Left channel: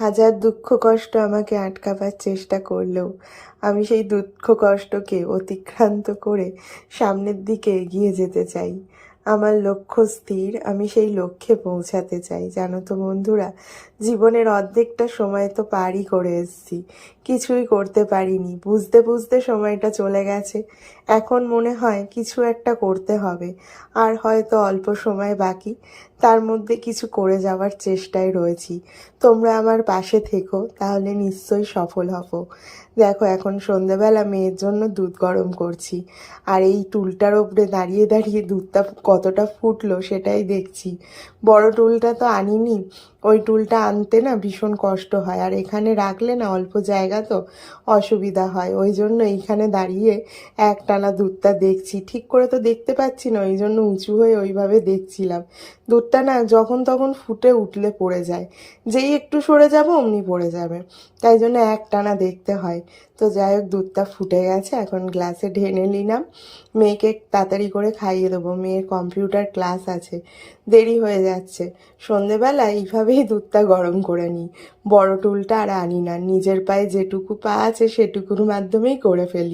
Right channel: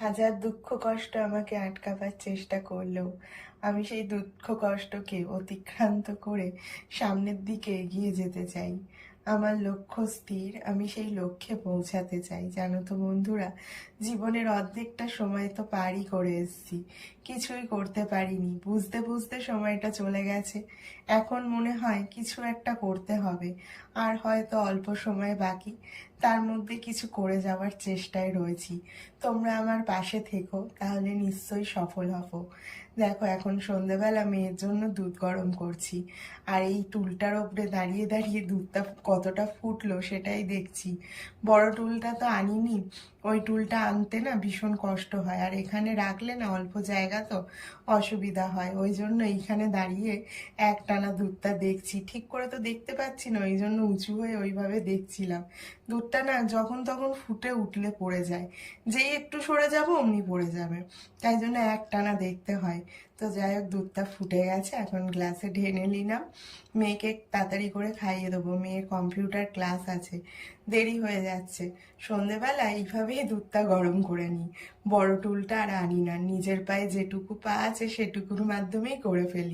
হাজার দুঃখ কষ্ট আমাকে আটকাবার চেষ্টা করলেও আমি সেই দুঃখ কষ্টকে অতিক্রান্ত করে সামনের দিকে এগিয়ে যেতে চাই। আমার লক্ষ্য স্থির, আমি সেই লক্ষ্যে পৌঁছাতে চাই। জানো তো বন্ধুরা, জীবনের অর্ধেকটা সময় তো পারই করে এসেছি, কিছুই করতে পারিনি। বুঝতে বুঝতে সময়টা চলে গেছে। এখন মনে হয় কিছু একটা করতে হবে, আর হয়তো অল্প সময় বাকি, তার মধ্যে কিছু করে যাওয়ার চেষ্টায় রয়েছি। তোমরা আমার পাশে থেকো, তাহলে নিশ্চয়ই সফল হব। দেখো, এখন সন্ধেবেলা মেয়ের জন্য দুধ গরম করছি, আর এই টুলটার ওপরে দাঁড়িয়ে দাঁড়িয়ে দুধটা কতটা ফুটলো সেটাই দেখছি। বড় টুলটা তো আনিনি, ওই টুলটা আনতে না ভীষণ কষ্ট হয়, আর এখানে রাখলে না অল্প জায়গা তো অসুবিধা হয়। ওই জন্য এইখানে দাঁড়িয়ে একটানা দুধটা দেখছি। ঠিক করে তো দেখতে পাচ্ছি না, ওই জন্য উঁচু হয়ে ওইভাবে দেখছিলাম। দুধটা না যখন তখন ফুটে উঠলে পড়ে যায়, যেই একটু সরে যাব অমনি পড়ে যাবে, তাই জন্য একটানা দেখতে হয়। তো যাই হোক, দুধটা ফুটে গেছে, এখন গ্লাসে ঢেলে নিলাম। মেয়েকে তাড়াতাড়ি করে খাইয়ে দেবো, মেয়ের কম্পিউটার ক্লাস আছে, দেরি হয়ে যাচ্ছে। সন্ধেবেলা এইভাবেই দুধটা গরম করে নিই। বড় টুলটা আর আনি না, নিজের পায়ে যেটুকু পা আছে সেটুকুর মাধ্যমেই করে ফেলি।